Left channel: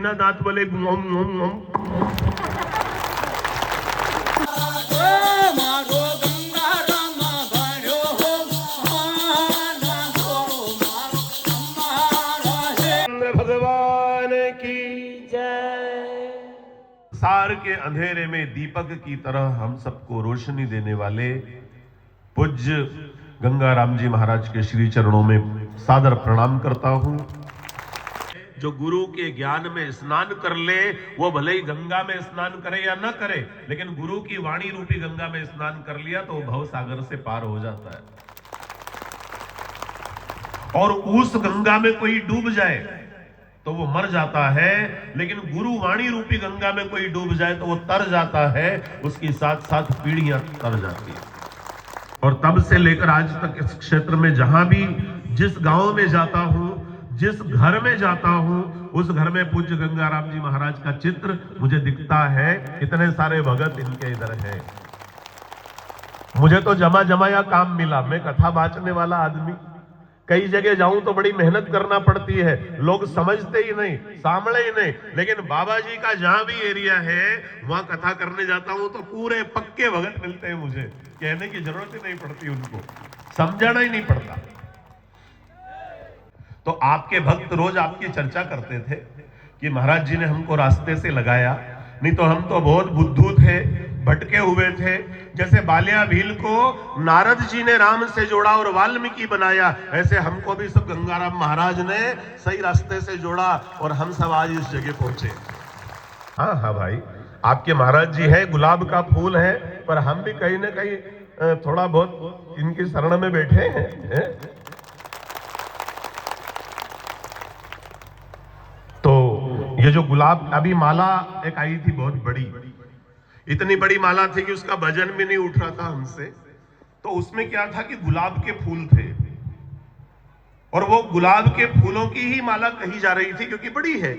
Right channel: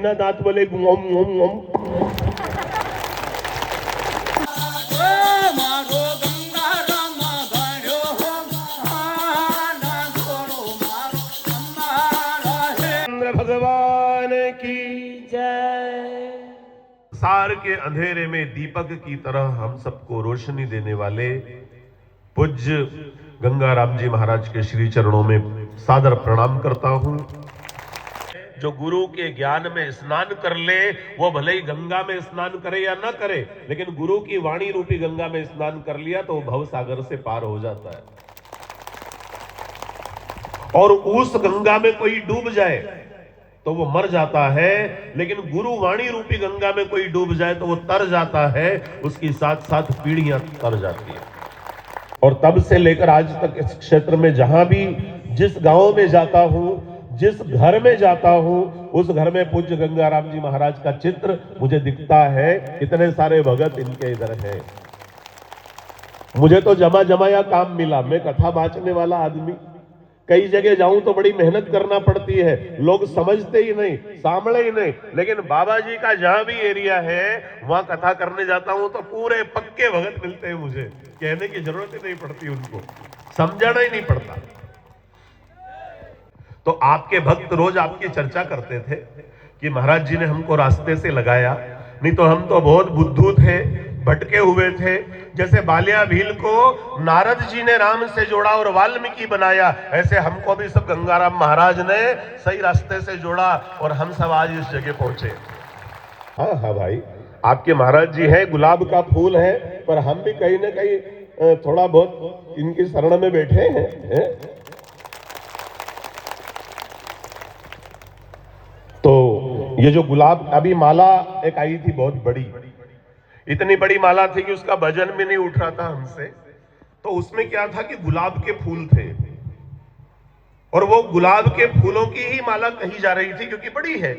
बिना दांत बोले घुम घुम घुम। भगवान की जय। सार के अंधेरे में दीपक की तरह हम सबको रोशनी देने वाले पूज्य गंगाराम जी महाराज के श्री चरणों में सादर प्रणाम करता हूं। जो गुरु के ज्ञान में स्नान कर ले वो भले ही गंगा में स्नान करे या ना करे, लेकिन गुरु की वाणी रूपी गंगा में स्नान कर लिया तो वो भव सागर से पार हो जाता है। और उस गंगा में कोई डूब जाए तो वो मर जाता है, लेकिन गुरु वाणी रूपी गंगा में कोई डूब जाए तो वो तर जाता है, उसकी साथ साथ पीढ़ियां तर जाती है। और तब से लेकर आज तक इस क्षेत्र में जहां भी जिस गांव में जाता हूं, जिस घर में जाता हूं, उस घर में पूज्य गंगाराम जी महाराज का चित्र मुझे दिखता है। इतने सारे भगत इनके इधर हैं। मुझे तो जमा जमाया काम मिला। मैं कथा बांचने वाला आदमी, कई जगह जाऊं तो बड़ी मेहनत करना पड़ती है, लोग समझते ही नहीं, सामने ही नहीं। लेकिन बाबा जी का जहां भी एरिया है वहां कथा करने जाता हूं तो पूरे पक्के भगत मिलते हैं। मुझे कहने की जरूरत ही नहीं पड़ती, उनको समझाना ही नहीं पड़ता। तो आपके भक्त रोज आपकी चर्चा करते थे कि महाराज जी ने हमको रास्ते से लगाया, नहीं तो हम तो बहुत बुद्धू थे, भटके हुए थे। जैसे बालिया भील को नारद जी ने राम से जोड़ा और वाल्मीकि बनाया, ऐसे हमको भी सब गंगाराम महाराज ने सही रास्ते से जोड़ा और हम सब आज इस जगह पहुंचे। हाँ हाँ भाई, आपके महाराज जी हैं, गुलाब का फूल है, पर हम भी कहीं ना कहीं थोड़ा बहुत इनकी शरण में बैठे हैं। तो ये जो गुलाब अभी माला एक आई थी बहुत बड़ी, इतनी बड़ी माला थी कि उसका वजन भी नहीं उठ रहा था हमसे। तो उसमें क्या था कि गुलाब के फूल थे और वो गुलाब के फूलों की ही माला कही जा रही थी क्योंकि बड़ी है।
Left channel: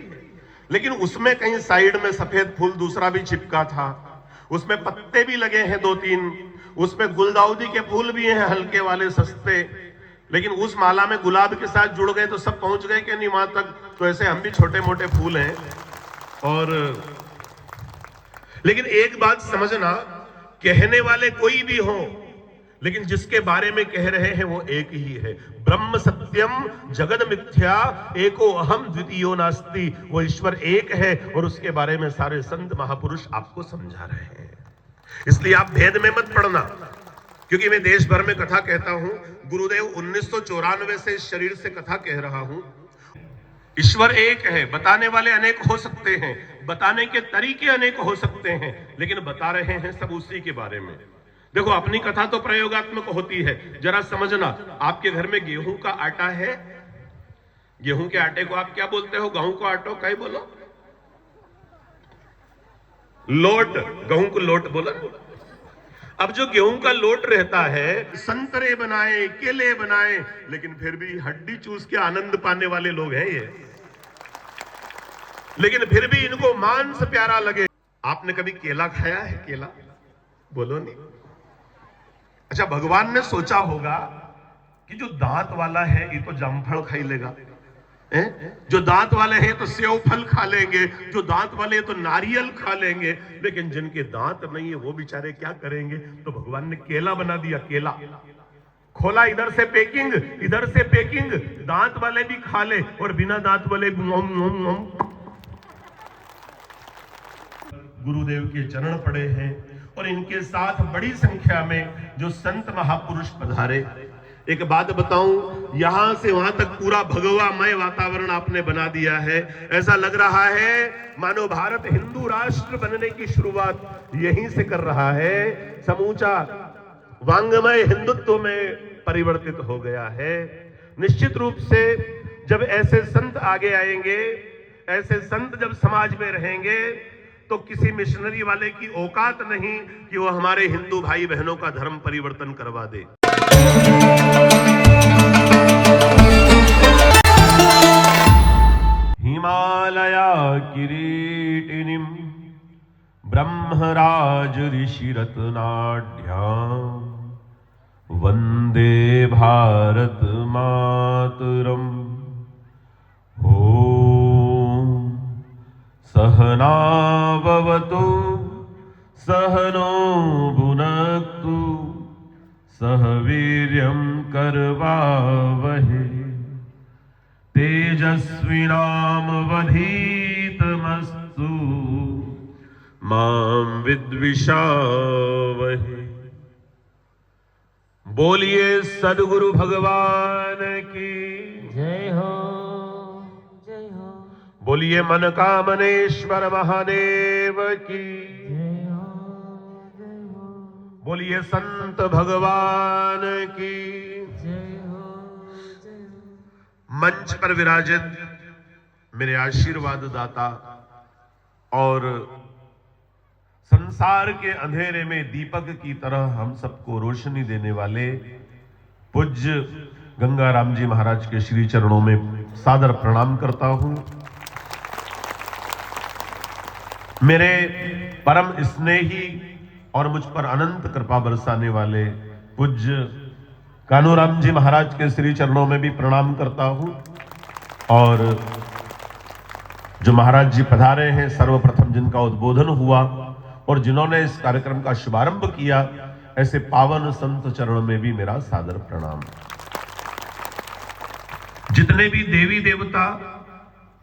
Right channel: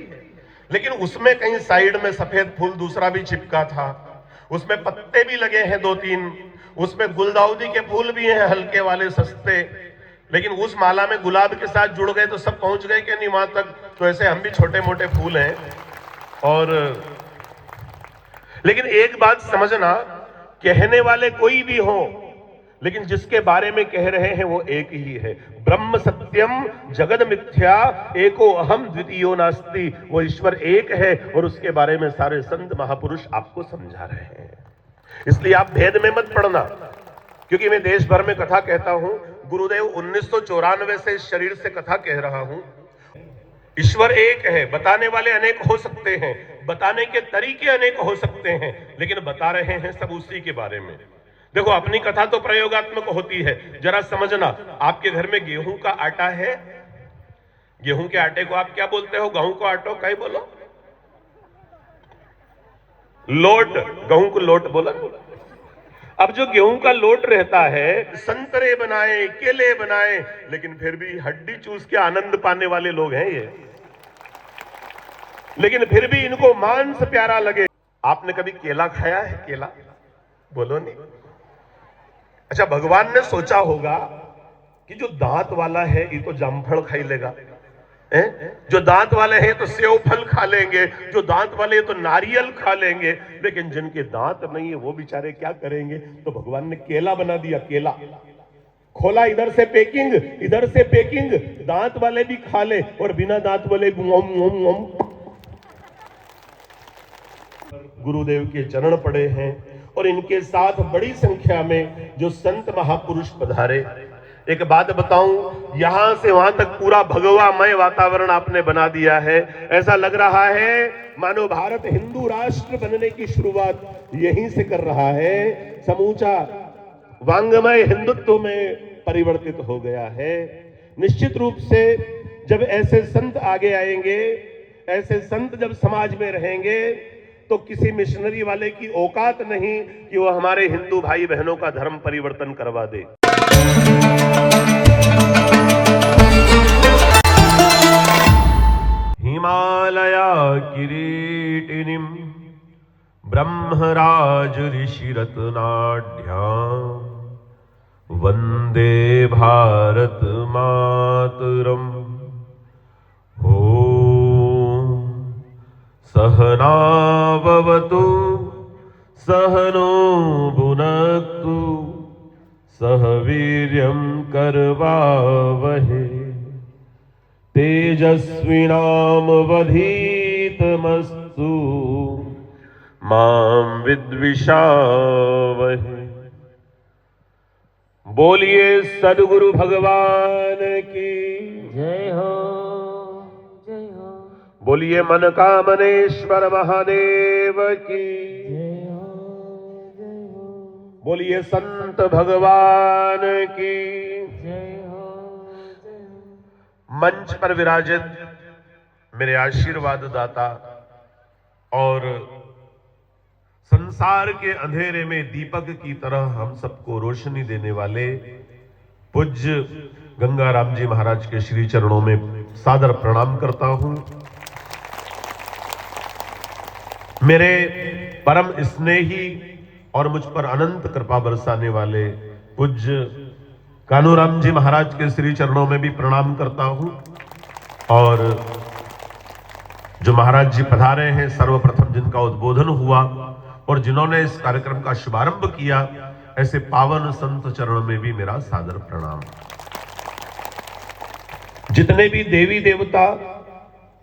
लेकिन उसमें कहीं साइड में सफेद फूल दूसरा भी चिपका था, उसमें पत्ते भी लगे हैं 2-3, उसमें गुलदाउदी के फूल भी हैं हल्के वाले सस्ते। लेकिन उस माला में गुलाब के साथ जुड़ गए तो सब पहुंच गए कि नहीं वहां तक। तो ऐसे हम भी छोटे मोटे फूल हैं। और लेकिन एक बात समझना, कहने वाले कोई भी हो, लेकिन जिसके बारे में कह रहे हैं वो एक ही है। ब्रह्म सत्यम जगद मिथ्या एको अहम द्वितीयो नास्ति। वो ईश्वर एक है और उसके बारे में सारे संत महापुरुष आपको समझा रहे हैं। इसलिए आप भेद में मत पड़ना, क्योंकि मैं देश भर में कथा कहता हूं। गुरुदेव 1994 से इस शरीर से कथा कह रहा हूं। ईश्वर एक है, बताने वाले अनेक हो सकते हैं, बताने के तरीके अनेक हो सकते हैं, लेकिन बता रहे हैं सब उसी के बारे में। देखो, अपनी कथा तो प्रयोगात्मक होती है। जरा समझना, आपके घर में गेहूं का आटा है, गेहूं के आटे को आप क्या बोलते हो? गेहूं को आटो कहीं बोलो, लोट, गेहूं को लोट बोला। अब जो गेहूं का लोट रहता है, संतरे बनाए, केले बनाए, लेकिन फिर भी हड्डी चूस के आनंद पाने वाले लोग हैं ये। लेकिन फिर भी इनको मांस प्यारा लगे। आपने कभी केला खाया है? केला बोलो नहीं। अच्छा, भगवान ने सोचा होगा कि जो दांत वाला है ये तो जामफल खा लेगा, जो दांत वाले हैं तो सेव फल खा लेंगे, जो दांत वाले हैं तो नारियल खा लेंगे, लेकिन जिनके दांत नहीं है वो बेचारे क्या करेंगे? तो भगवान ने केला बना दिया। केला खोला, इधर से पैकिंग, इधर से पैकिंग, दांत वाले भी खा ले और बिना दांत वाले घुम घुम घुम। गुरुदेव के चरण पड़े हैं और इनके साथ बड़ी संख्या में जो संत महापुरुष पधारे। एक बात बताऊं, यहां से वहां तक पूरा भगवामय वातावरण आपने बना दिया है। ऐसा लग रहा है मानो भारत हिंदू राष्ट्र बनने की शुरुआत यहीं से कर रहा है। समूचा वांगमय हिंदुत्व में परिवर्तित हो गया है। निश्चित रूप से जब ऐसे संत आगे आएंगे, ऐसे संत जब समाज में रहेंगे, तो किसी मिशनरी वाले की औकात नहीं कि वो हमारे हिंदू भाई बहनों का धर्म परिवर्तन करवा दे। हिमालया किरीटिनीं ब्रह्मराज ऋषिरत्नाढ्यां वंदे भारत मातरम। ओम सहना भवतु सहनो भुनक्तु सह वीर्यं करवावहै तेजस्विनावधीतमस्तु मां विद्विषावहै। बोलिए सद्गुरु भगवान की जय हो, जय हो, बोलिए मनकामनेश्वर महादेव की जय हो, जय हो, बोलिए संत भगवान की। जय हो, जय हो। मंच पर विराजित मेरे आशीर्वाद दाता और संसार के अंधेरे में दीपक की तरह हम सबको रोशनी देने वाले पूज्य गंगाराम जी महाराज के श्री चरणों में सादर प्रणाम करता हूं। मेरे परम स्नेही और मुझ पर अनंत कृपा बरसाने वाले पूज्य कानूराम जी महाराज के श्री चरणों में भी प्रणाम करता हूं। और जो महाराज जी पधारे हैं, सर्वप्रथम जिनका उद्बोधन हुआ और जिन्होंने इस कार्यक्रम का शुभारंभ किया, ऐसे पावन संत चरण में भी मेरा सादर प्रणाम। जितने भी देवी देवता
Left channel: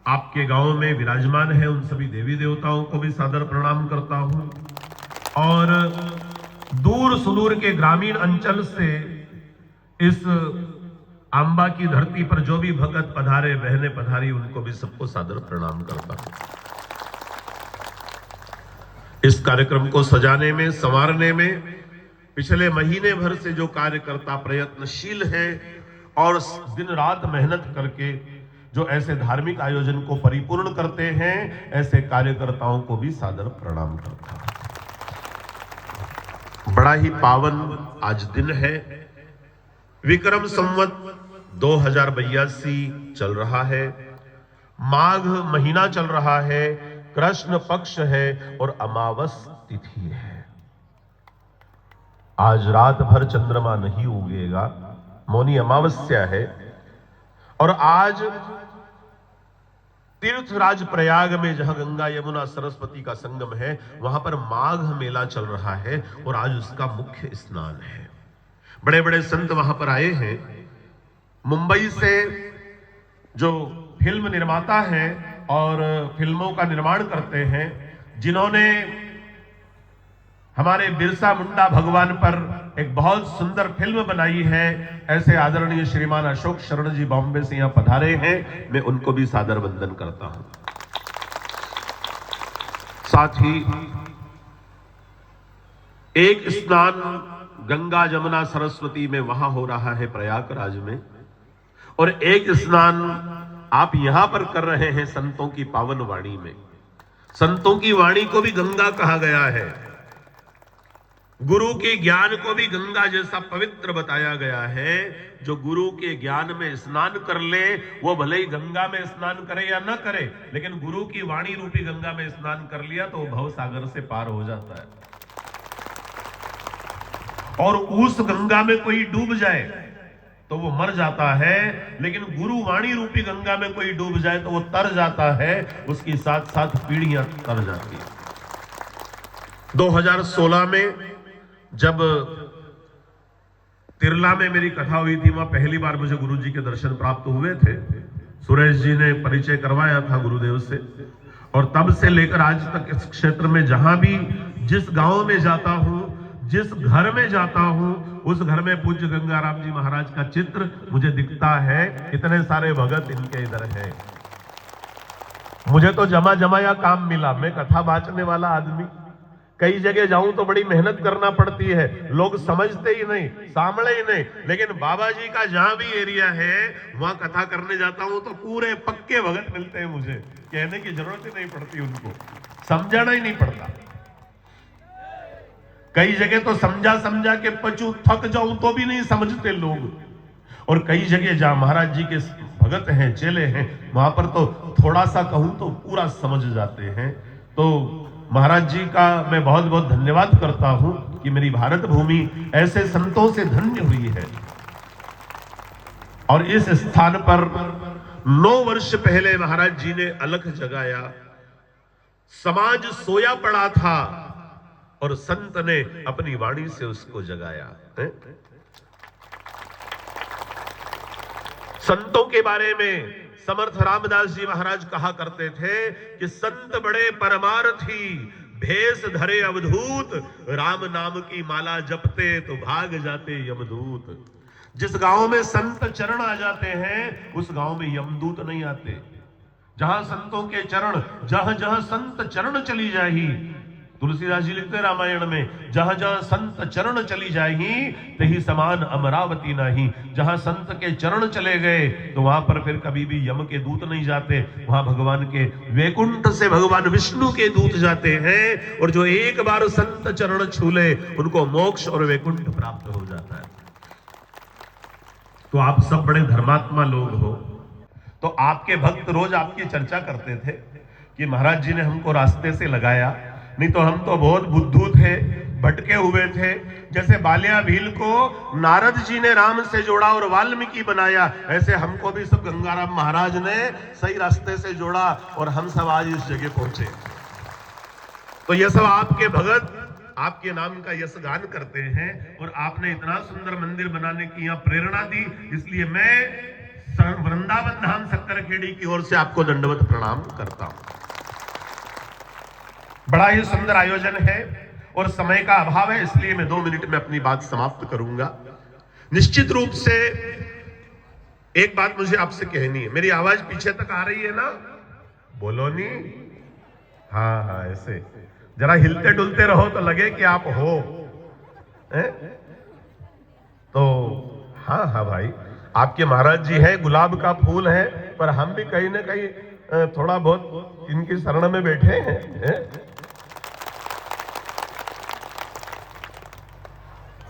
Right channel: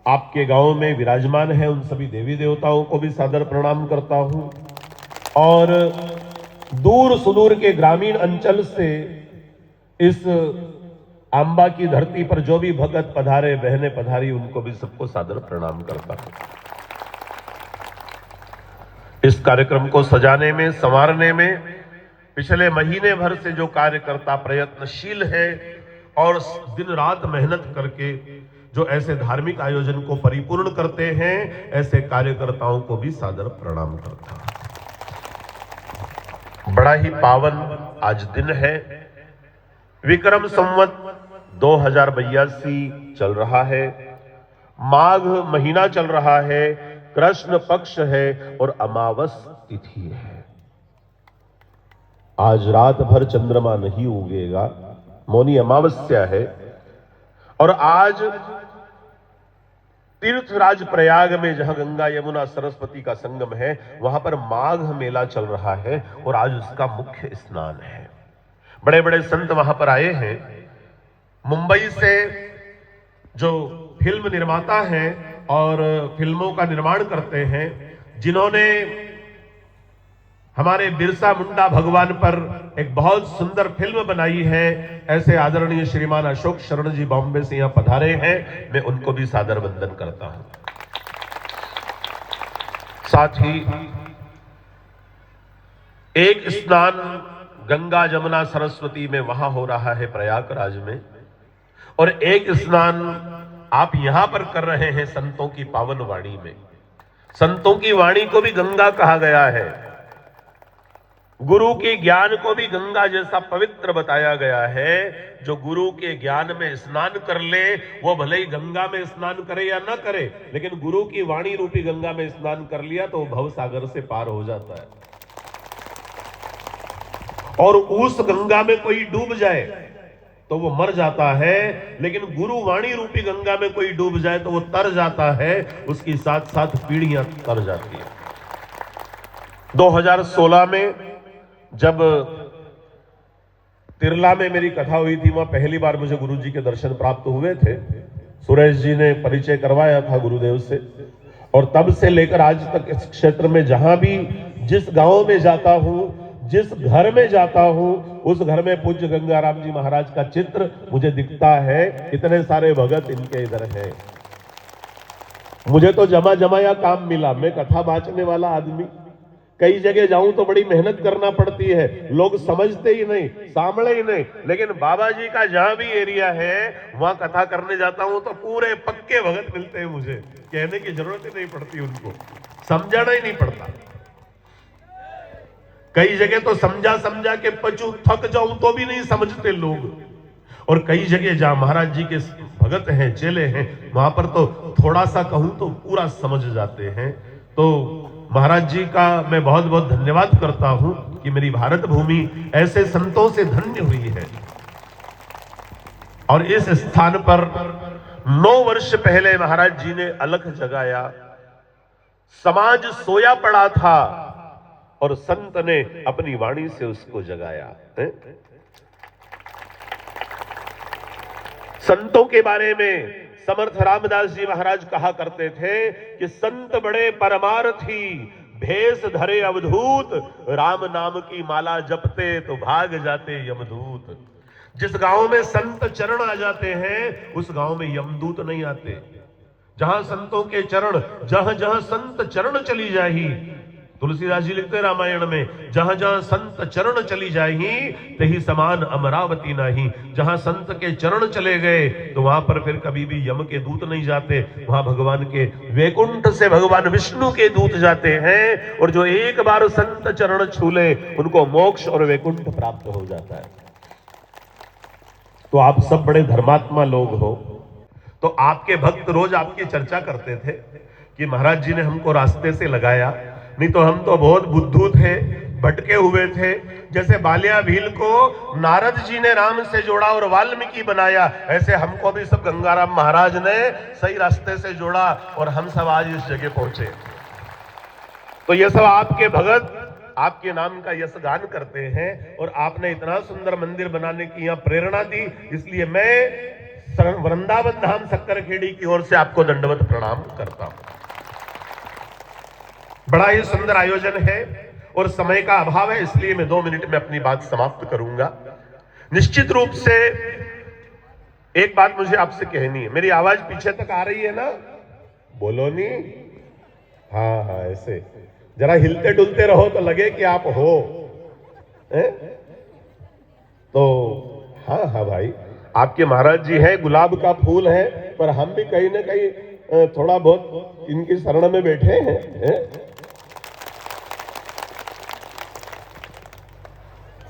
आपके गांव में विराजमान हैं, उन सभी देवी देवताओं को भी सादर प्रणाम करता हूं। और दूर सुदूर के ग्रामीण अंचल से इस आंबा की धरती पर जो भी भगत पधारे, बहनें पधारी, उनको भी सबको सादर प्रणाम करता हूं। इस कार्यक्रम को सजाने में, संवारने में पिछले महीने भर से जो कार्यकर्ता प्रयत्नशील है और दिन रात मेहनत करके जो ऐसे धार्मिक आयोजन को परिपूर्ण करते हैं, ऐसे कार्यकर्ताओं को भी सादर प्रणाम करता हूं। बड़ा ही पावन आज दिन है। विक्रम संवत 2082 चल रहा है। माघ महीना चल रहा है, कृष्ण पक्ष है और अमावस तिथि है। आज रात भर चंद्रमा नहीं उगेगा, मौनी अमावस्या है। और आज तीर्थराज प्रयाग में, जहां गंगा यमुना सरस्वती का संगम है, वहां पर माघ मेला चल रहा है और आज उसका मुख्य स्नान है। बड़े बड़े संत वहां पर आए हैं। मुंबई से जो फिल्म निर्माता हैं और फिल्मों का निर्माण करते हैं, जिन्होंने हमारे बिरसा मुंडा भगवान पर एक बहुत सुंदर फिल्म बनाई है, ऐसे आदरणीय श्रीमान अशोक शरण जी बॉम्बे से यहां पधारे हैं। मैं उनको भी सादर वंदन करता हूं। साथ ही एक स्नान गंगा जमुना सरस्वती में वहां हो रहा है प्रयागराज में, और एक स्नान आप यहां पर कर रहे हैं संतों की पावन वाणी में। संतों की वाणी को भी गंगा कहा गया है, गुरु के ज्ञान को भी गंगा जैसा पवित्र बताया गया है। जो गुरु के ज्ञान में स्नान कर ले, वो भले ही गंगा में स्नान करे या ना करे, लेकिन गुरु की वाणी रूपी गंगा में स्नान कर लिया तो भव सागर से पार हो जाता है। और उस गंगा में कोई डूब जाए तो वो मर जाता है, लेकिन गुरु वाणी रूपी गंगा में कोई डूब जाए तो वो तर जाता है, उसकी साथ साथ पीढ़ियां तर जाती है। 2016 में जब तिरला में मेरी कथा हुई थी, वहां पहली बार मुझे गुरुजी के दर्शन प्राप्त हुए थे। सुरेश जी ने परिचय करवाया था गुरुदेव से, और तब से लेकर आज तक इस क्षेत्र में जहां भी, जिस गांव में जाता हूं, जिस घर में जाता हूं, उस घर में पूज्य गंगाराम जी महाराज का चित्र मुझे दिखता है। इतने सारे भगत इनके इधर हैं। मुझे तो जमा जमाया काम मिला। मैं कथा बांचने वाला आदमी, कई जगह जाऊं तो बड़ी मेहनत करना पड़ती है, लोग समझते ही नहीं, सामने ही नहीं। लेकिन बाबा जी का जहां भी एरिया है, वहां कथा करने जाता हूं तो पूरे पक्के भगत मिलते हैं। मुझे कहने की जरूरत ही नहीं पड़ती, उनको समझाना ही नहीं पड़ता। कई जगह तो समझा समझा के पचू थक जाऊं तो भी नहीं समझते लोग। और कई जगह जहां महाराज जी के भगत हैं, चेले हैं, वहां पर तो थोड़ा सा कहूं तो पूरा समझ जाते हैं। तो महाराज जी का मैं बहुत बहुत धन्यवाद करता हूं कि मेरी भारत भूमि ऐसे संतों से धन्य हुई है। और इस स्थान पर 9 वर्ष पहले महाराज जी ने अलख जगाया समाज सोया पड़ा था और संत ने अपनी वाणी से उसको जगाया है? संतों के बारे में समर्थ रामदास जी महाराज कहा करते थे कि संत बड़े परमार्थी, भेष धरे अवधूत, राम नाम की माला जपते तो भाग जाते यमदूत। जिस गांव में संत चरण आ जाते हैं उस गांव में यमदूत नहीं आते। जहां संतों के चरण, जहां जहां संत चरण चली जाही, तुलसीदास जी लिखते रामायण में, जहां जहां संत चरण चली जाही तही समान अमरावती नाही। जहां संत के चरण चले गए तो वहां पर फिर कभी भी यम के दूत नहीं जाते, वहां भगवान के वैकुंठ से भगवान विष्णु के दूत जाते हैं। और जो एक बार संत चरण छू ले उनको मोक्ष और वैकुंठ प्राप्त हो जाता है। तो आप सब बड़े धर्मात्मा लोग हो, तो आपके भक्त रोज आपकी चर्चा करते थे कि महाराज जी ने हमको रास्ते से लगाया, नहीं तो हम तो बहुत बुद्धू थे, भटके हुए थे। जैसे बालिया भील को नारद जी ने राम से जोड़ा और वाल्मीकि बनाया, ऐसे हमको भी सब गंगाराम महाराज ने सही रास्ते से जोड़ा और हम सब आज इस जगह पहुंचे। तो ये सब आपके भगत आपके नाम का यशगान करते हैं और आपने इतना सुंदर मंदिर बनाने की यहाँ प्रेरणा दी, इसलिए मैं वृंदावन धाम शक्करखेड़ी की ओर से आपको दंडवत प्रणाम करता हूं। बड़ा ही सुंदर आयोजन है और समय का अभाव है, इसलिए मैं 2 मिनट में अपनी बात समाप्त करूंगा। निश्चित रूप से एक बात मुझे आपसे कहनी है। मेरी आवाज पीछे तक आ रही है ना? बोलो नहीं? हाँ हाँ, ऐसे जरा हिलते डुलते रहो तो लगे कि आप हो। तो हाँ हाँ भाई, आपके महाराज जी हैं, गुलाब का फूल है, पर हम भी कहीं ना कहीं थोड़ा बहुत इनकी शरण में बैठे हैं।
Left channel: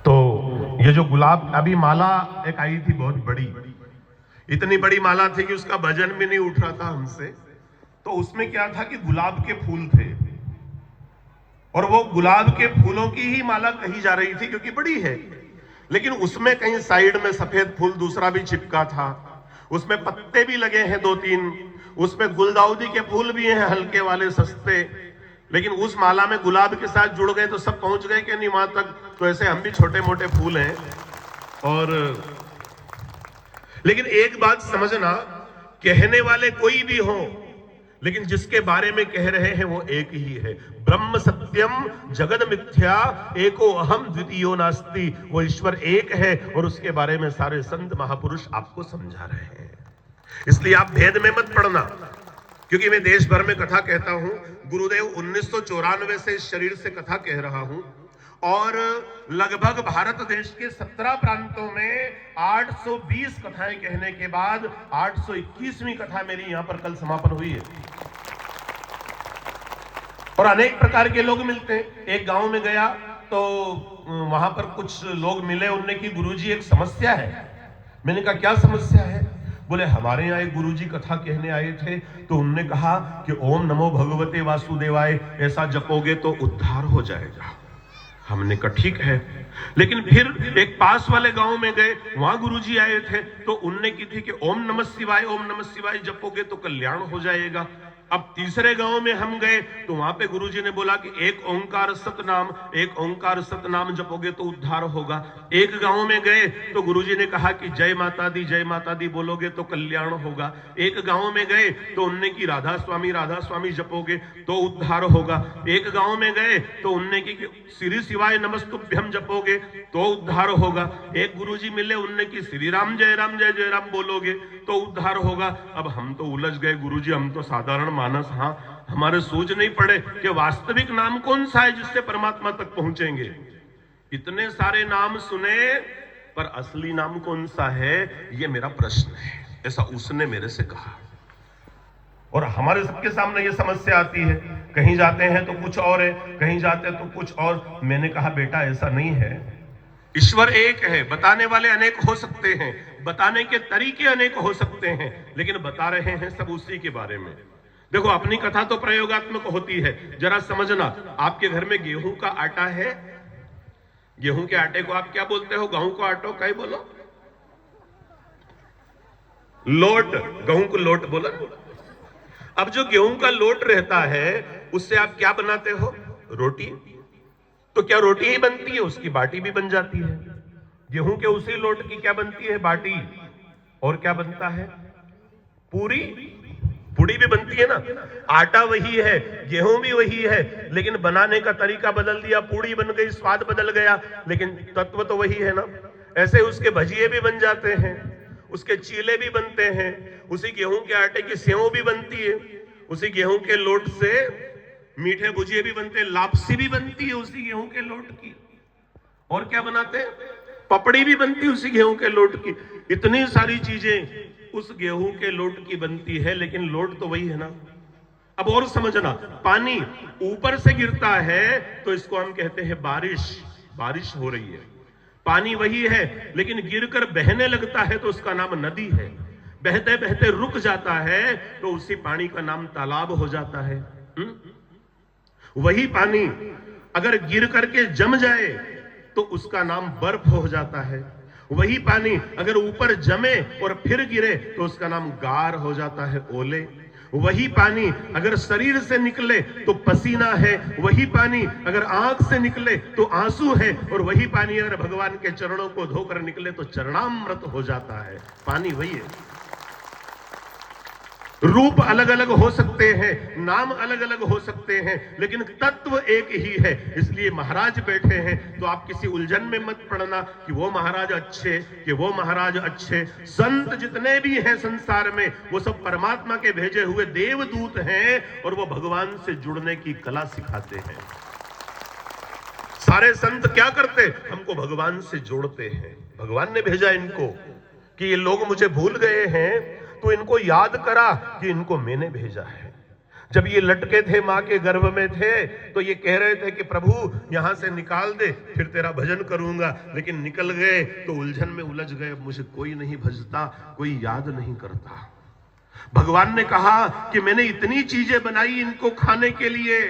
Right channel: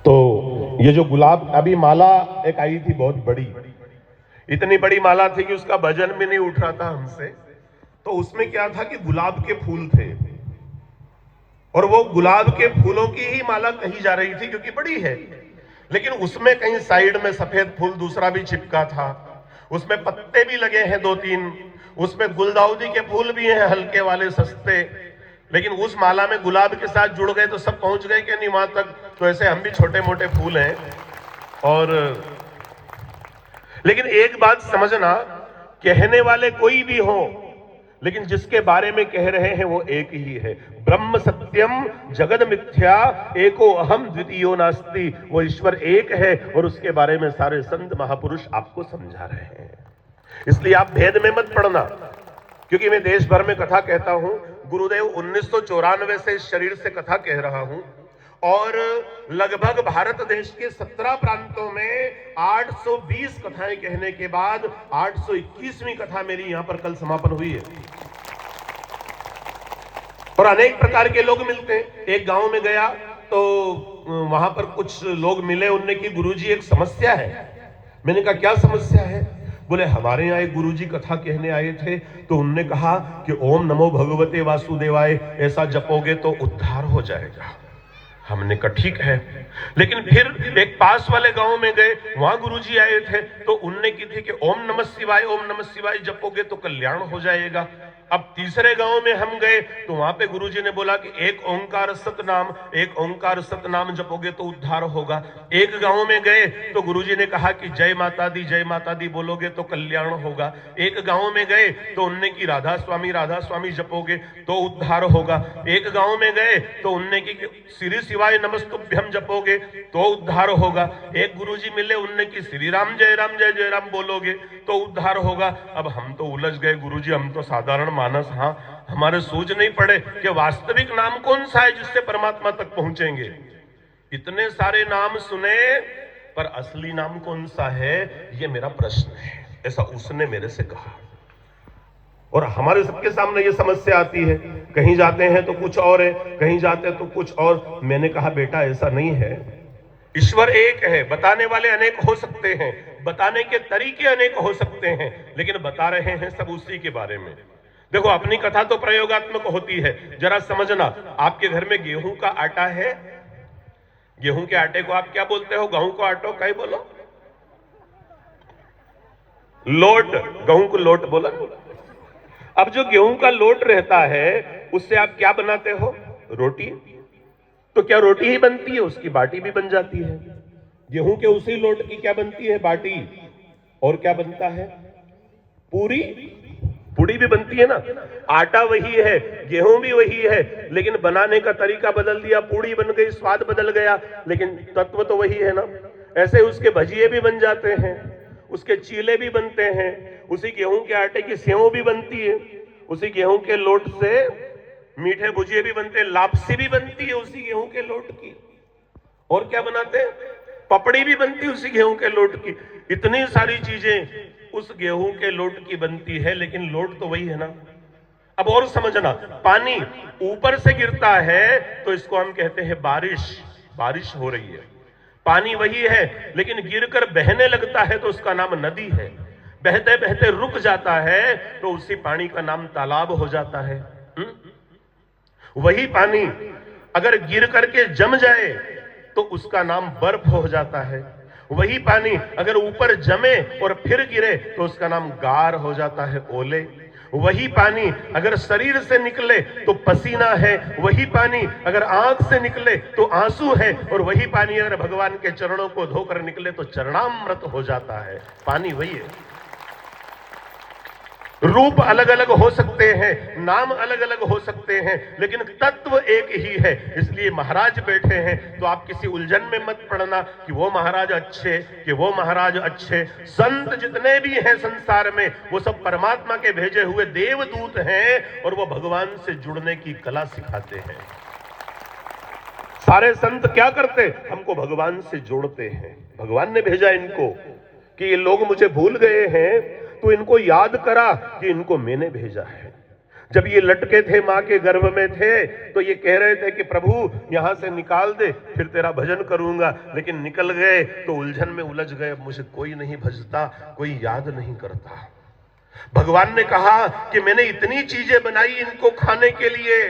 तो ये जो गुलाब अभी माला एक आई थी बहुत बड़ी, इतनी बड़ी माला थी कि उसका वजन भी नहीं उठ रहा था हमसे। तो उसमें क्या था कि गुलाब के फूल थे और वो गुलाब के फूलों की ही माला कही जा रही थी क्योंकि बड़ी है, लेकिन उसमें कहीं साइड में सफेद फूल दूसरा भी चिपका था, उसमें पत्ते भी लगे हैं 2-3, उसमें गुलदाउदी के फूल भी हैं हल्के वाले सस्ते, लेकिन उस माला में गुलाब के साथ जुड़ गए तो सब पहुंच गए कि नहीं वहां तक। तो ऐसे हम भी छोटे मोटे फूल हैं। और लेकिन एक बात समझना, कहने वाले कोई भी हो, लेकिन जिसके बारे में कह रहे हैं वो एक ही है। ब्रह्म सत्यम जगद मिथ्या एको अहम द्वितीयो नास्ति। वो ईश्वर एक है और उसके बारे में सारे संत महापुरुष आपको समझा रहे हैं। इसलिए आप भेद में मत पड़ना, क्योंकि मैं देश भर में कथा कहता हूं। गुरुदेव 1994 से इस शरीर से कथा कह रहा हूं और लगभग भारत देश के 17 प्रांतों में 820 कथाएं कहने के बाद 821वीं कथा मेरी यहां पर कल समापन हुई है। और अनेक प्रकार के लोग मिलते हैं। एक गांव में गया तो वहां पर कुछ लोग मिले, उनने की गुरुजी एक समस्या है। मैंने कहा क्या समस्या है? बोले हमारे यहाँ एक गुरुजी कथा कहने आए थे, तो उनने कहा कि ओम नमो भगवते वासुदेवाय ऐसा जपोगे तो उद्धार हो जाएगा। हमने कहा ठीक है, लेकिन फिर एक पास वाले गांव में गए, वहां गुरुजी आए थे, तो उनने की थी कि ओम नमः शिवाय जपोगे तो कल्याण हो जाएगा। अब तीसरे गांव में हम गए तो वहां पे गुरुजी ने बोला कि एक ओंकार सतनाम जपोगे तो उद्धार होगा। एक गांव में गए तो गुरुजी ने कहा कि जय माता दी बोलोगे तो कल्याण होगा। एक गांव में गए तो उनने की राधा स्वामी जपोगे तो उद्धार होगा। एक गांव में गए तो उनने की श्री शिवाय नमस्तुभ्यम जपोगे तो उद्धार होगा। एक गुरुजी मिले, उनने की श्री राम जय राम बोलोगे तो उद्धार होगा। अब हम तो उलझ गए, गुरुजी हम तो साधारण मानस, हाँ हमारे सूझ नहीं पड़े कि वास्तविक नाम कौन सा है जिससे परमात्मा तक पहुंचेंगे। इतने सारे नाम सुने पर असली नाम कौन सा है, ये मेरा प्रश्न है, ऐसा उसने मेरे से कहा। और हमारे सबके सामने ये समस्या आती है, कहीं जाते हैं तो कुछ और है, कहीं जाते हैं तो कुछ और। मैंने कहा बेटा ऐसा नहीं है, ईश्वर एक है, बताने वाले अनेक हो सकते हैं, बताने के तरीके अनेक हो सकते हैं, लेकिन बता रहे हैं सब उसी के बारे में। देखो अपनी कथा तो प्रयोगात्मक होती है, जरा समझना। आपके घर में गेहूं का आटा है, गेहूं के आटे को आप क्या बोलते हो? गेहूं को आटो क्या बोलो? लोट, गेहूं को लोट बोला। अब जो गेहूं का लोट रहता है उससे आप क्या बनाते हो? रोटी। तो क्या रोटी ही बनती है? उसकी बाटी भी बन जाती है। गेहूं के उसी लोट की क्या बनती है? बाटी। और क्या बनता है? पूरी। पूरी भी बनती है ना। आटा वही है, गेहूं भी वही है, लेकिन बनाने का तरीका बदल दिया, पूरी बन गई, स्वाद बदल गया, लेकिन तत्व तो वही है ना। ऐसे उसके भजिए भी बन जाते हैं, उसके चीले भी बनते हैं, उसी गेहूं के आटे की सेव भी बनती है, उसी गेहूं के लोट से मीठे भुजिए भी बनते हैं, लापसी भी बनती है उसी गेहूं के लोट की। और क्या बनाते हैं? पपड़ी भी बनती है उसी गेहूं के लोट की। इतनी सारी चीजें उस गेहूं के लोट की बनती है, लेकिन लोट तो वही है ना। अब और समझना, पानी ऊपर से गिरता है तो इसको हम कहते हैं बारिश। बारिश हो रही है, पानी वही है, लेकिन गिरकर बहने लगता है तो उसका नाम नदी है। बहते बहते रुक जाता है तो उसी पानी का नाम तालाब हो जाता है। वही पानी अगर गिर करके जम जाए तो उसका नाम बर्फ हो जाता है। वही पानी अगर ऊपर जमे और फिर गिरे तो उसका नाम गार हो जाता है, ओले। वही पानी अगर शरीर से निकले तो पसीना है, वही पानी अगर आंख से निकले तो आंसू है, और वही पानी अगर भगवान के चरणों को धोकर निकले तो चरणामृत हो जाता है। पानी वही है। रूप अलग अलग हो सकते हैं, नाम अलग अलग हो सकते हैं, लेकिन तत्व एक ही है। इसलिए महाराज बैठे हैं तो आप किसी उलझन में मत पड़ना कि वो महाराज अच्छे कि वो महाराज अच्छे। संत जितने भी हैं संसार में वो सब परमात्मा के भेजे हुए देवदूत हैं, और वो भगवान से जुड़ने की कला सिखाते हैं। सारे संत क्या करते? हमको भगवान से जोड़ते हैं। भगवान ने भेजा इनको कि ये लोग मुझे भूल गए हैं, तो इनको याद करा कि इनको मैंने भेजा है। जब ये लटके थे मां के गर्भ में थे तो ये कह रहे थे कि प्रभु यहां से निकाल दे, फिर तेरा भजन करूंगा, लेकिन निकल गए तो उलझन में उलझ गए। अब मुझे कोई नहीं भजता, कोई याद नहीं करता। भगवान ने कहा कि मैंने इतनी चीजें बनाई इनको खाने के लिए,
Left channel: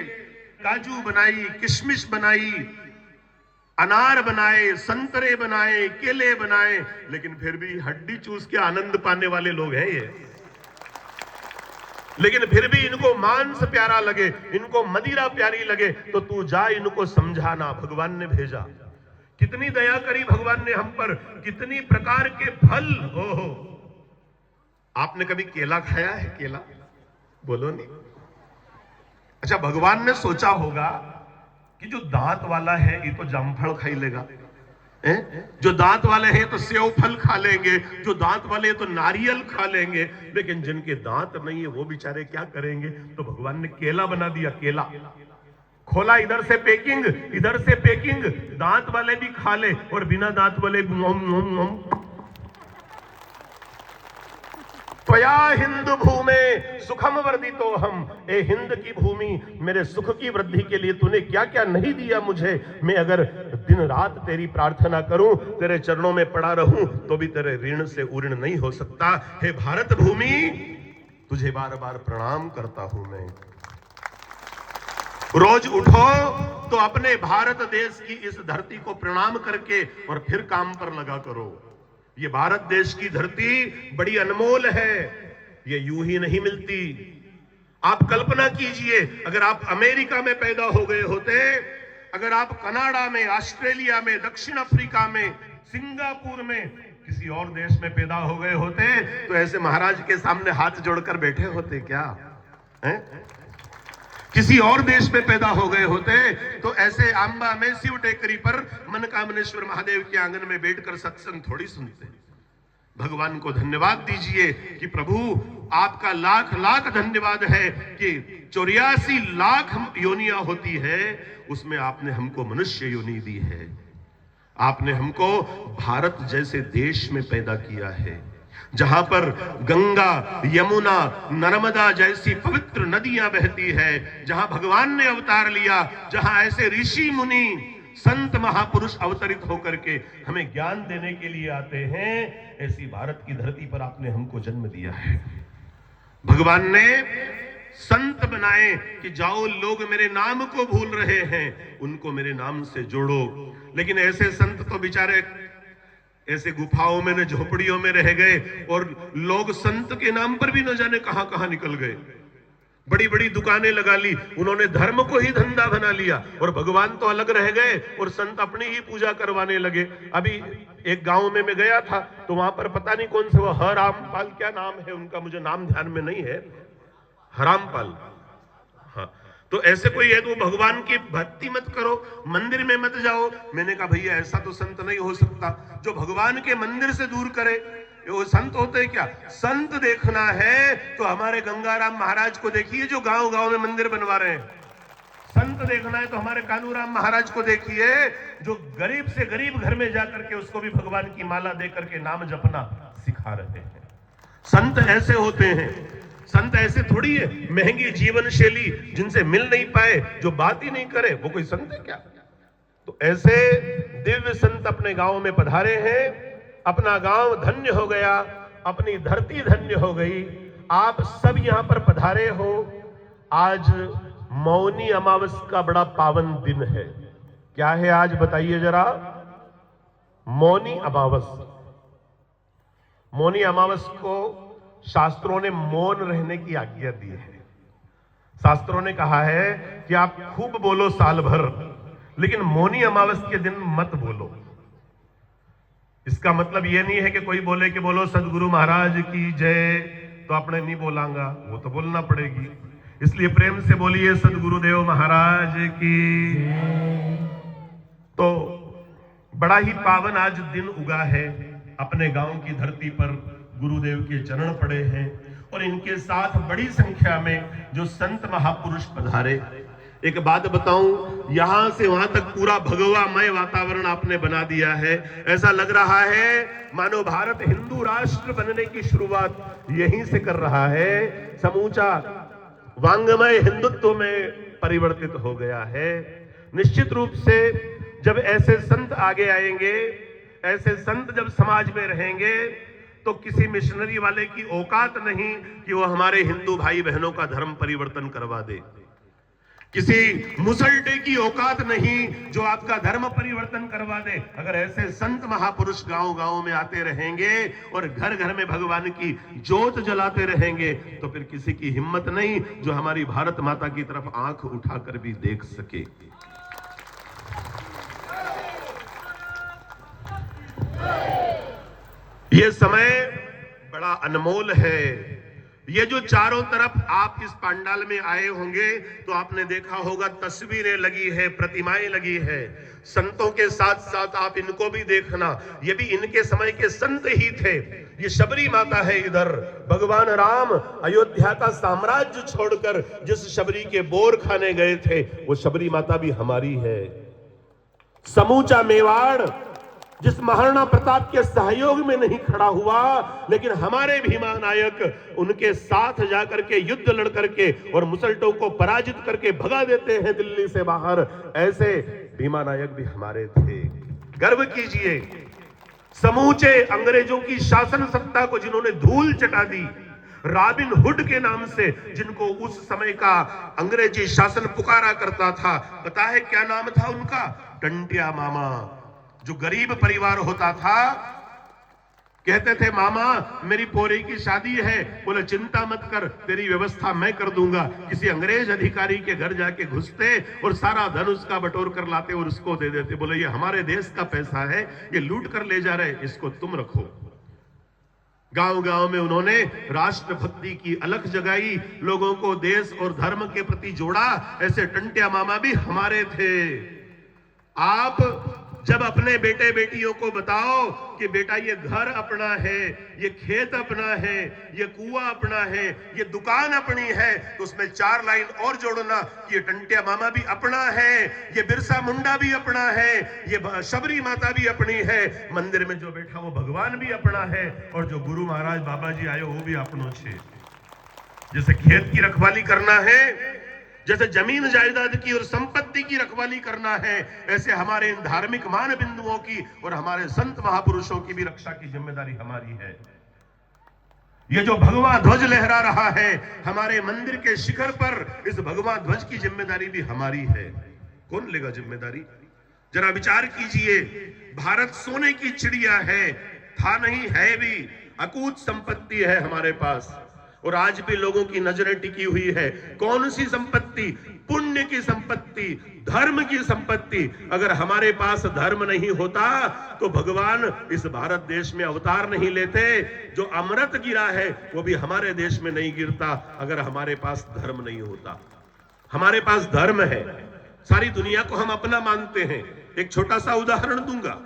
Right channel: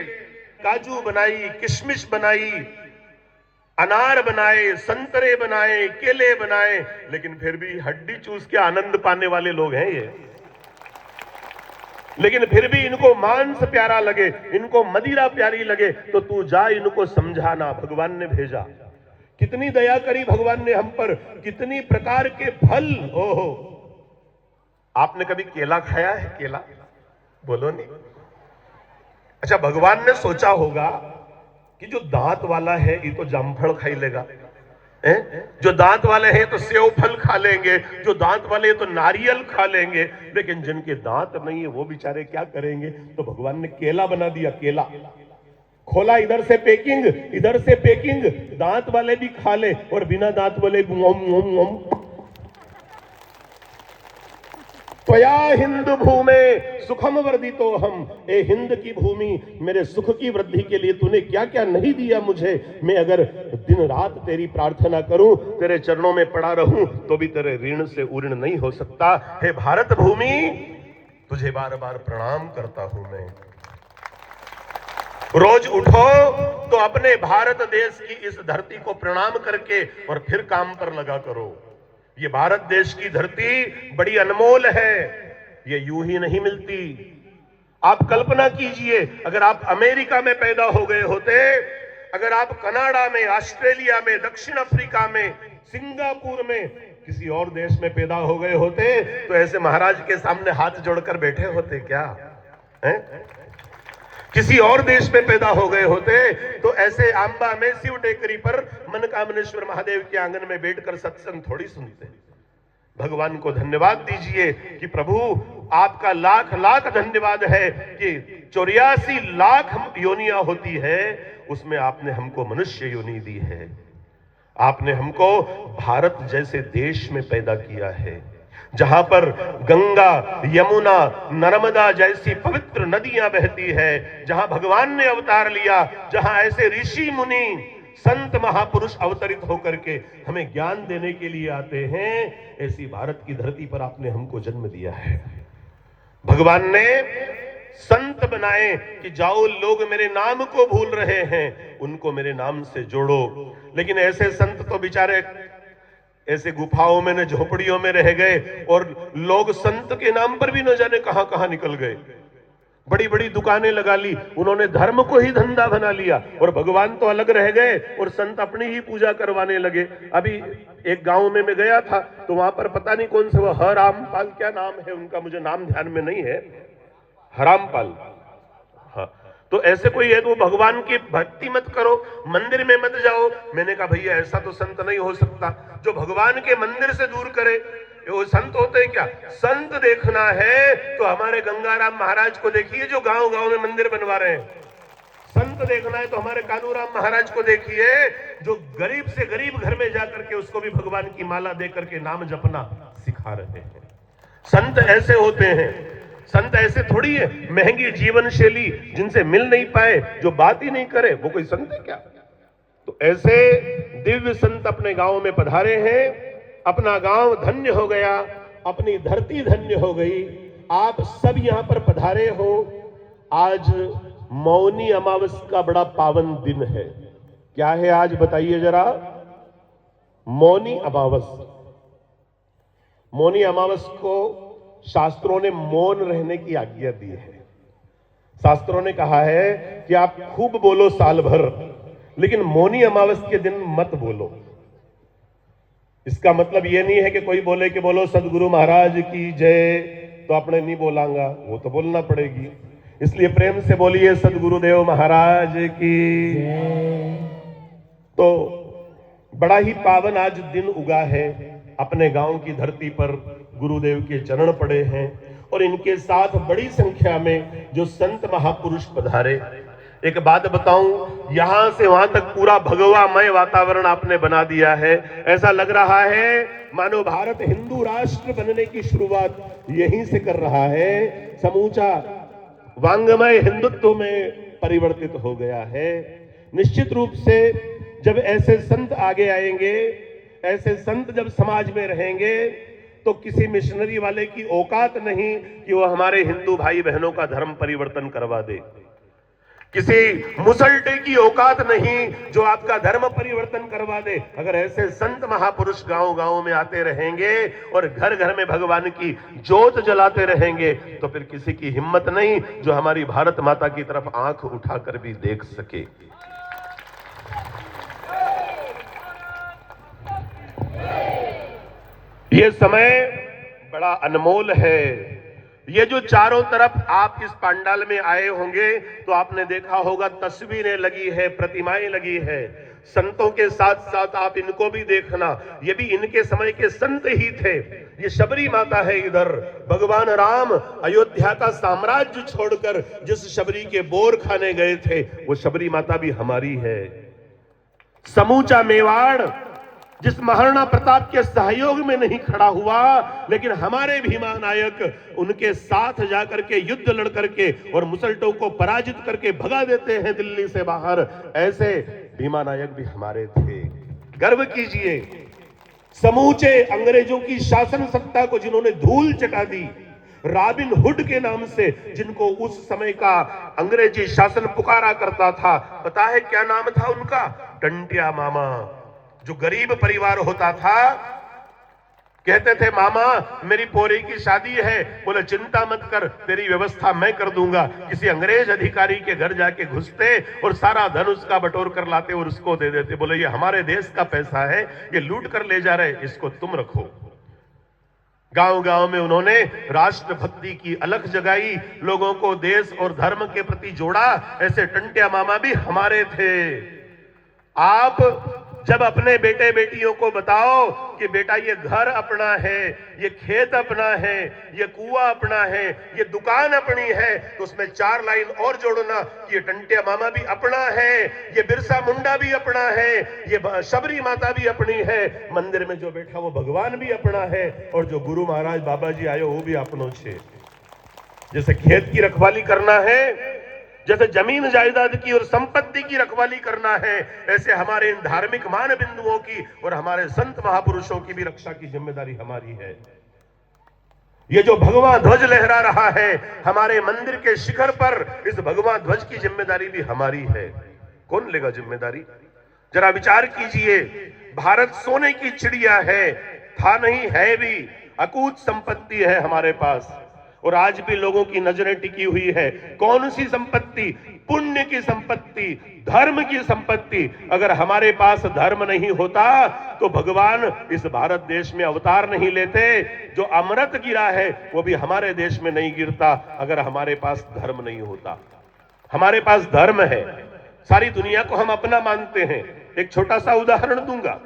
काजू बनाई, किशमिश बनाई, अनार बनाए, संतरे बनाए, केले बनाए, लेकिन फिर भी हड्डी चूस के आनंद पाने वाले लोग हैं ये। लेकिन फिर भी इनको मांस प्यारा लगे, इनको मदिरा प्यारी लगे, तो तू जा इनको समझाना। भगवान ने भेजा। कितनी दया करी भगवान ने हम पर, कितनी प्रकार के फल। ओहो, आपने कभी केला खाया है? केला बोलो नहीं। अच्छा, भगवान ने सोचा होगा कि जो दांत वाला है ये तो जामफल खा लेगा, जो दांत वाले हैं तो सेव फल खा लेंगे, जो दांत वाले तो नारियल खा लेंगे, लेकिन जिनके दांत नहीं है वो बेचारे क्या करेंगे? तो भगवान ने केला बना दिया। केला खोला, इधर से पैकिंग, इधर से पैकिंग, दांत वाले भी खा ले और बिना दांत वाले भी। त्वया हिंदू भूमे सुखम वर्धितो हम। ए हिंद की भूमि, मेरे सुख की वृद्धि के लिए तूने क्या क्या नहीं दिया मुझे। मैं अगर दिन रात तेरी प्रार्थना करूं, तेरे चरणों में पड़ा रहूं, तो भी तेरे ऋण से उऋण नहीं हो सकता। हे भारत भूमि, तुझे बार बार प्रणाम करता हूं मैं। रोज उठो तो अपने भारत देश की इस धरती को प्रणाम करके और फिर काम पर लगा करो। ये भारत देश की धरती बड़ी अनमोल है, ये यूं ही नहीं मिलती। आप कल्पना कीजिए, अगर आप अमेरिका में पैदा हो गए होते, अगर आप कनाडा में, ऑस्ट्रेलिया में, दक्षिण अफ्रीका में, सिंगापुर में, किसी और देश में पैदा हो गए होते, तो ऐसे महाराज के सामने हाथ जोड़कर बैठे होते क्या? किसी और देश में पैदा हो गए होते तो ऐसे आंबा में शिव टेकरी पर मनकामनेश्वर महादेव के आंगन में बैठकर सत्संग थोड़ी सुनते। भगवान को धन्यवाद दीजिए कि प्रभु आपका लाख लाख धन्यवाद है कि 84 लाख योनियां होती है, उसमें आपने हमको मनुष्य योनि दी है। आपने हमको भारत जैसे देश में पैदा किया है, जहां पर गंगा, यमुना, नर्मदा जैसी पवित्र नदियां बहती है, जहां भगवान ने अवतार लिया, जहां ऐसे ऋषि मुनि संत महापुरुष अवतरित होकर के हमें ज्ञान देने के लिए आते हैं, ऐसी भारत की धरती पर आपने हमको जन्म दिया है। भगवान ने संत बनाए कि जाओ, लोग मेरे नाम को भूल रहे हैं, उनको मेरे नाम से जोड़ो। लेकिन ऐसे संत तो बेचारे ऐसे गुफाओं में, न झोपड़ियों में रह गए, और लोग संत के नाम पर भी न जाने कहां कहां निकल गए। बड़ी बड़ी दुकानें लगा ली, उन्होंने धर्म को ही धंधा बना लिया और भगवान तो अलग रह गए और संत अपनी ही पूजा करवाने लगे। अभी एक गांव में मैं गया था तो वहां पर पता नहीं कौन से वो हरामपाल, क्या नाम है उनका, मुझे नाम ध्यान में नहीं है, हरामपाल, हाँ, तो ऐसे कोई है तो भगवान की भक्ति मत करो, मंदिर में मत जाओ। मैंने कहा भैया ऐसा तो संत नहीं हो सकता जो भगवान के मंदिर से दूर करे, वो संत होते हैं क्या? संत देखना है तो हमारे गंगाराम महाराज को देखिए जो गांव गांव में मंदिर बनवा रहे हैं। संत देखना है तो हमारे कानूराम महाराज को देखिए जो गरीब से गरीब घर में जाकर के उसको भी भगवान की माला दे करके नाम जपना सिखा रहे हैं। संत ऐसे होते हैं। संत ऐसे थोड़ी है महंगी जीवन शैली जिनसे मिल नहीं पाए, जो बात ही नहीं करे, वो कोई संत है क्या? तो ऐसे दिव्य संत अपने गांव में पधारे हैं। अपना गांव धन्य हो गया, अपनी धरती धन्य हो गई। आप सब यहां पर पधारे हो। आज मौनी अमावस का बड़ा पावन दिन है। क्या है आज बताइए जरा? मौनी अमावस। मौनी अमावस को शास्त्रों ने मौन रहने की आज्ञा दी है। शास्त्रों ने कहा है कि आप खूब बोलो साल भर, लेकिन मौनी अमावस के दिन मत बोलो। इसका मतलब यह नहीं है कि कोई बोले कि बोलो सदगुरु महाराज की जय, तो आपने नहीं बोलांगा, वो तो बोलना पड़ेगी। इसलिए प्रेम से बोलिए सदगुरुदेव महाराज की जय। तो बड़ा ही पावन आज दिन उगा है। अपने गांव की धरती पर गुरुदेव के चरण पड़े हैं और इनके साथ बड़ी संख्या में जो संत महापुरुष पधारे। एक बात बताऊं, यहां से वहां तक पूरा भगवामय वातावरण आपने बना दिया है। ऐसा लग रहा है मानो भारत हिंदू राष्ट्र बनने की शुरुआत यहीं से कर रहा है। समूचा वांगमय हिंदुत्व में परिवर्तित हो गया है। निश्चित रूप से जब ऐसे संत आगे आएंगे, ऐसे संत जब समाज में रहेंगे, तो किसी मिशनरी वाले की औकात नहीं कि वो हमारे हिंदू भाई बहनों का धर्म परिवर्तन करवा दे। किसी मुसलटे की औकात नहीं जो आपका धर्म परिवर्तन करवा दे। अगर ऐसे संत महापुरुष गांव गांव में आते रहेंगे और घर घर में भगवान की ज्योत जलाते रहेंगे, तो फिर किसी की हिम्मत नहीं जो हमारी भारत माता की तरफ आंख उठाकर भी देख सके। ये समय बड़ा अनमोल है। ये जो चारों तरफ आप इस पंडाल में आए होंगे तो आपने देखा होगा तस्वीरें लगी है, प्रतिमाएं लगी है। संतों के साथ साथ आप इनको भी देखना, ये भी इनके समय के संत ही थे। ये शबरी माता है इधर। भगवान राम अयोध्या का साम्राज्य छोड़कर जिस शबरी के बोर खाने गए थे, वो शबरी माता भी हमारी है। समूचा मेवाड़ जिस महाराणा प्रताप के सहयोग में नहीं खड़ा हुआ, लेकिन हमारे भीमा नायक उनके साथ जाकर के युद्ध लड़ करके और मुसलटों को पराजित करके भगा देते हैं दिल्ली से बाहर, ऐसे भीमा नायक भी हमारे थे। गर्व कीजिए। समूचे अंग्रेजों की शासन सत्ता को जिन्होंने धूल चटा दी, रॉबिन हुड के नाम से जिनको उस समय का अंग्रेजी शासन पुकारा करता था, पता है क्या नाम था उनका? टंटिया मामा। जो गरीब परिवार होता था, कहते थे मामा मेरी पोरी की शादी है, बोले चिंता मत कर, तेरी व्यवस्था मैं कर दूंगा। किसी अंग्रेज अधिकारी के घर जाके घुसते और सारा धन उसका बटोर कर लाते और उसको दे देते। बोले ये हमारे देश का पैसा है, ये लूट कर ले जा रहे, इसको तुम रखो। गांव गांव में उन्होंने राष्ट्रभक्ति की अलख जगाई, लोगों को देश और धर्म के प्रति जोड़ा। ऐसे टंटिया मामा भी हमारे थे। आप जब अपने बेटे बेटियों को बताओ कि बेटा ये घर अपना है, ये खेत अपना है, ये कुआं अपना है, ये दुकान अपनी है, तो उसमें 4 लाइन और जोड़ना कि ये टंटिया मामा भी अपना है, ये बिरसा मुंडा भी अपना है, ये शबरी माता भी अपनी है, मंदिर में जो बैठा वो भगवान भी अपना है, और जो गुरु महाराज बाबा जी आयो वो भी अपनो छे। जैसे खेत की रखवाली करना है, जैसे जमीन जायदाद की और संपत्ति की रखवाली करना है, ऐसे हमारे इन धार्मिक मान बिंदुओं की और हमारे संत महापुरुषों की भी रक्षा की जिम्मेदारी हमारी है। ये जो भगवा ध्वज लहरा रहा है हमारे मंदिर के शिखर पर, इस भगवा ध्वज की जिम्मेदारी भी हमारी है। कौन लेगा जिम्मेदारी? जरा विचार कीजिए। भारत सोने की चिड़िया है, था नहीं है भी, अकूत संपत्ति है हमारे पास। और आज भी लोगों की नजरें टिकी हुई है। कौन सी संपत्ति? पुण्य की संपत्ति, धर्म की संपत्ति। अगर हमारे पास धर्म नहीं होता तो भगवान इस भारत देश में अवतार नहीं लेते। जो अमृत गिरा है वो भी हमारे देश में नहीं गिरता अगर हमारे पास धर्म नहीं होता। हमारे पास धर्म है, सारी दुनिया को हम अपना मानते हैं। एक छोटा सा उदाहरण दूंगा,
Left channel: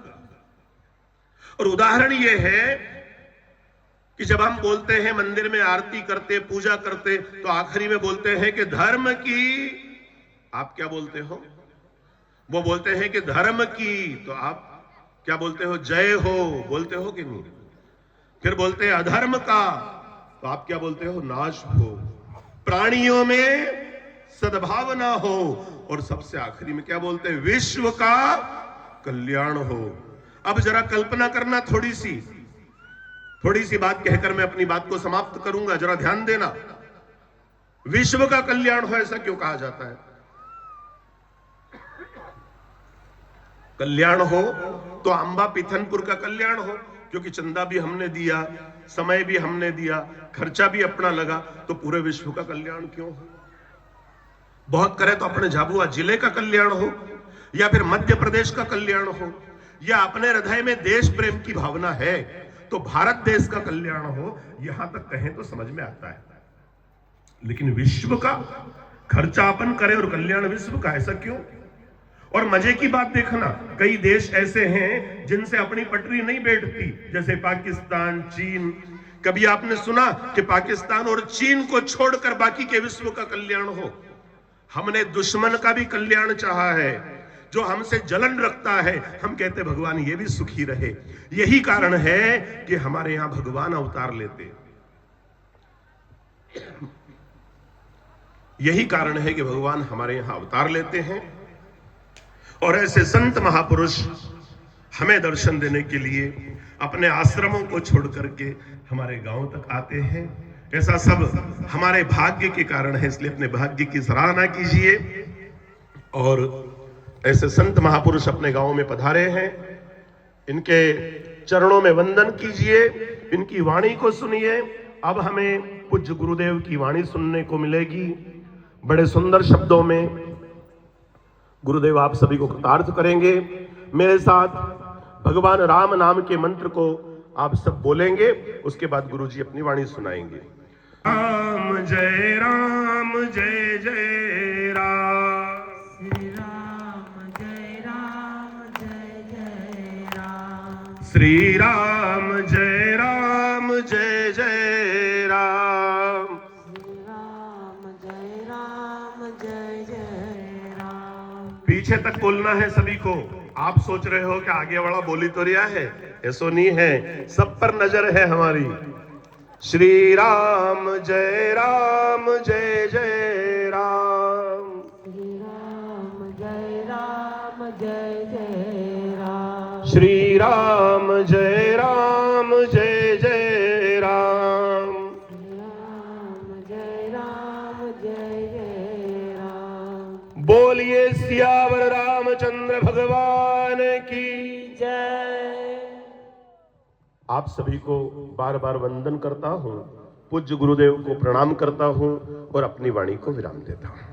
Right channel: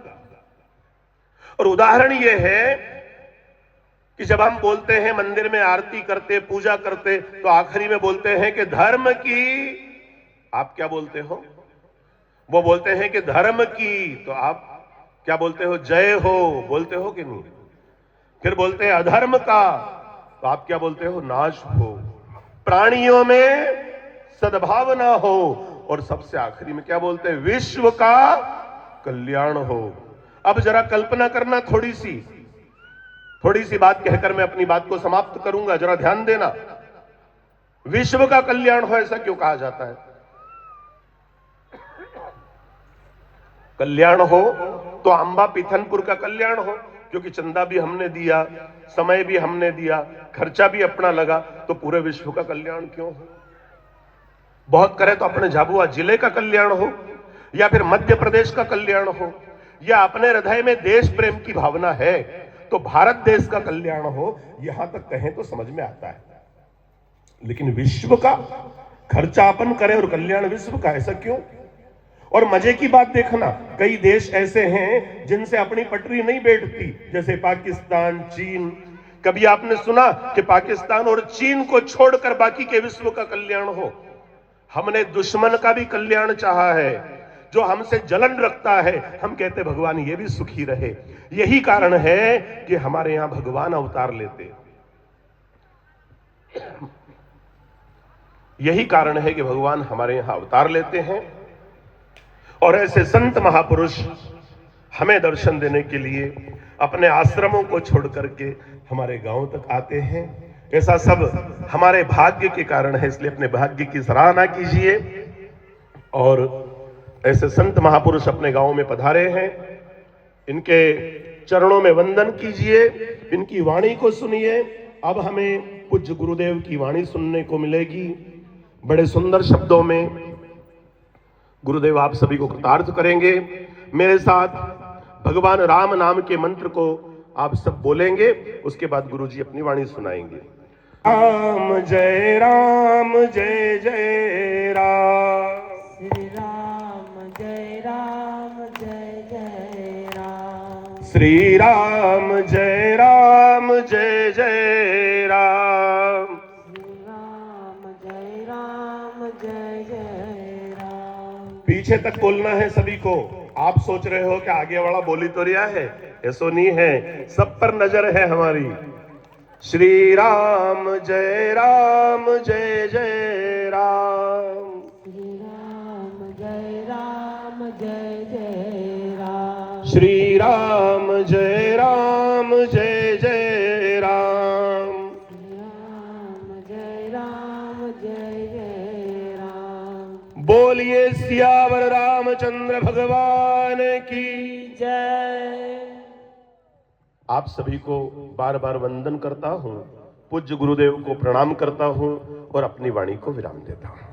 और उदाहरण यह है कि जब हम बोलते हैं मंदिर में आरती करते, पूजा करते, तो आखिरी में बोलते हैं कि धर्म की, आप क्या बोलते हो? वो बोलते हैं कि धर्म की, तो आप क्या बोलते हो? जय हो बोलते हो कि नहीं? फिर बोलते हैं अधर्म का, तो आप क्या बोलते हो? नाश हो। प्राणियों में सद्भावना हो, और सबसे आखिरी में क्या बोलते हैं? विश्व का कल्याण हो। अब जरा कल्पना करना, थोड़ी सी बात कहकर मैं अपनी बात को समाप्त करूंगा, जरा ध्यान देना। विश्व का कल्याण हो, ऐसा क्यों कहा जाता है? कल्याण हो तो अंबा पीथनपुर का कल्याण हो, क्योंकि चंदा भी हमने दिया, समय भी हमने दिया, खर्चा भी अपना लगा, तो पूरे विश्व का कल्याण क्यों हो? बहुत करे तो अपने झाबुआ जिले का कल्याण हो, या फिर मध्य प्रदेश का कल्याण हो, या अपने हृदय में देश प्रेम की भावना है तो भारत देश का कल्याण हो, यहां तक कहें तो समझ में आता है। लेकिन विश्व का खर्चा अपन करें और कल्याण विश्व का, ऐसा क्यों? और मजे की बात देखना, कई देश ऐसे हैं जिनसे अपनी पटरी नहीं बैठती, जैसे पाकिस्तान, चीन। कभी आपने सुना कि पाकिस्तान और चीन को छोड़कर बाकी के विश्व का कल्याण हो? हमने दुश्मन का भी कल्याण चाहा है, जो हमसे जलन रखता है, हम कहते भगवान ये भी सुखी रहे। यही कारण है कि हमारे यहां भगवान अवतार लेते। यही कारण है कि भगवान हमारे यहां अवतार लेते हैं, और ऐसे संत महापुरुष हमें दर्शन देने के लिए अपने आश्रमों को छोड़ करके हमारे गांव तक आते हैं। ऐसा सब हमारे भाग्य के कारण है, इसलिए अपने भाग्य की सराहना कीजिए। और ऐसे संत महापुरुष अपने गांव में पधारे हैं, इनके चरणों में वंदन कीजिए, इनकी वाणी को सुनिए। अब हमें पूज्य गुरुदेव की वाणी सुनने को मिलेगी। बड़े सुंदर शब्दों में गुरुदेव आप सभी को कृतार्थ करेंगे। मेरे साथ भगवान राम नाम के मंत्र को आप सब बोलेंगे, उसके बाद गुरुजी अपनी वाणी सुनाएंगे। राम जय राम, जय जय राम। श्री राम जय राम, जय जय राम। श्री राम जय राम, जय जय राम। पीछे तक बोलना है सभी को। आप सोच रहे हो कि आगे वाला बोली तो रिया है, ऐसो नहीं है, सब पर नजर है हमारी। श्री राम जय राम, जय जय राम। श्री राम जय राम, जय जय राम। श्री राम जय राम, जय जय राम। श्री राम जय राम, जय जय राम। बोलिए सियावर रामचंद्र भगवान की जय। आप सभी को बार बार वंदन करता हूँ, पूज्य गुरुदेव को प्रणाम करता हूँ और अपनी वाणी को विराम देता हूँ।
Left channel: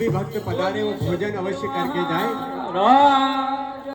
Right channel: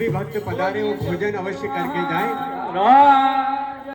भी भक्त पधारे वो भोजन अवश्य करके जाए। राम